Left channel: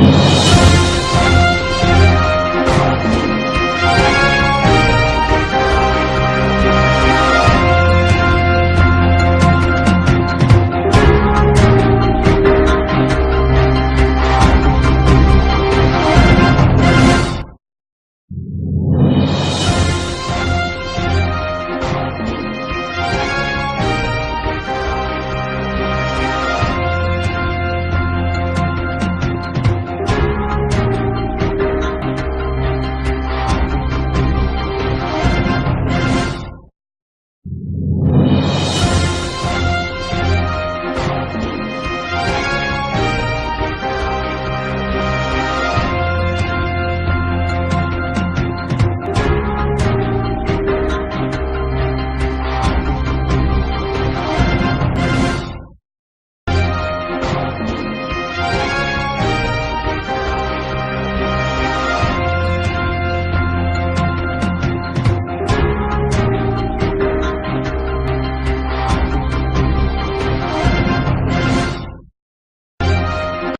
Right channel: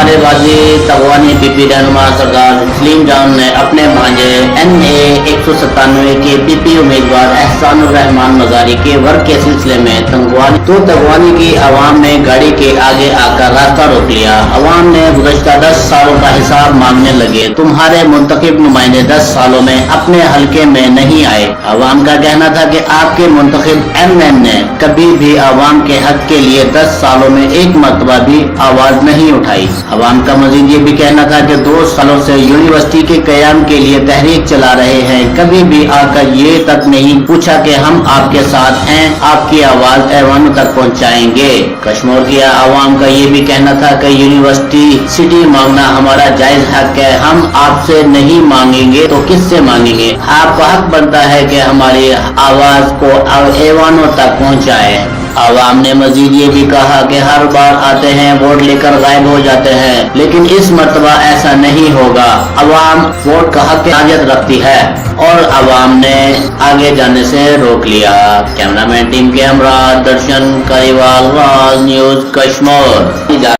हमारे गाजी तगवानी पीपी रहनुमा सरदार तस्लीम जान ने अपने भांजे NA 197 के पीपी उम्मीदवार एहसानुर रहमान मजारी के वर्क के सिलसिले में तगवानी की आवाम ने गाड़ी के आगे आकर रास्ता रोक लिया। आवाम ने गुज़श्ता 10 सालों का हिसाब मांगने लगे। तुम्हारे मुंतखब नुमाइंदे 10 सालों में अपने हल्के में नहीं आए। आवाम का कहना था कि आपके मुंतखब MN ने कभी भी आवाम के हक के लिए 10 सालों में एक मरतबा भी आवाज नहीं उठाई। आवाम का मजीद ये भी कहना था कि 2 सालों से यूनिवर्सिटी के कयाम के लिए तहरीक चला रहे हैं, कभी भी आकर ये तक नहीं पूछा कि हम आपके साथ हैं, आपकी आवाज ऐवानों तक पहुंचाएंगे। कश्मीर की आवाम का ये भी कहना था कि यूनिवर्सिटी सिटी मांगना हमारा जायज हक है, हम आपसे नहीं मांगेंगे तो किससे मांगेंगे। आपका हक बनता है कि हमारी आवाज को ऐवानों तक पहुंचाए। आवाम ने मजीद ये भी कहा कि हर बार आते हैं, वोट लेकर गायब हो जाते हैं, लेकिन इस मर्तबा ऐसा नहीं होगा। आवाम वोट का हक हाजियत रखती है और आवाम ने आगे जाने से रोक लिया। कैमरामैन टीम के हमरा दर्शन करीवाल न्यूज कश्मीर।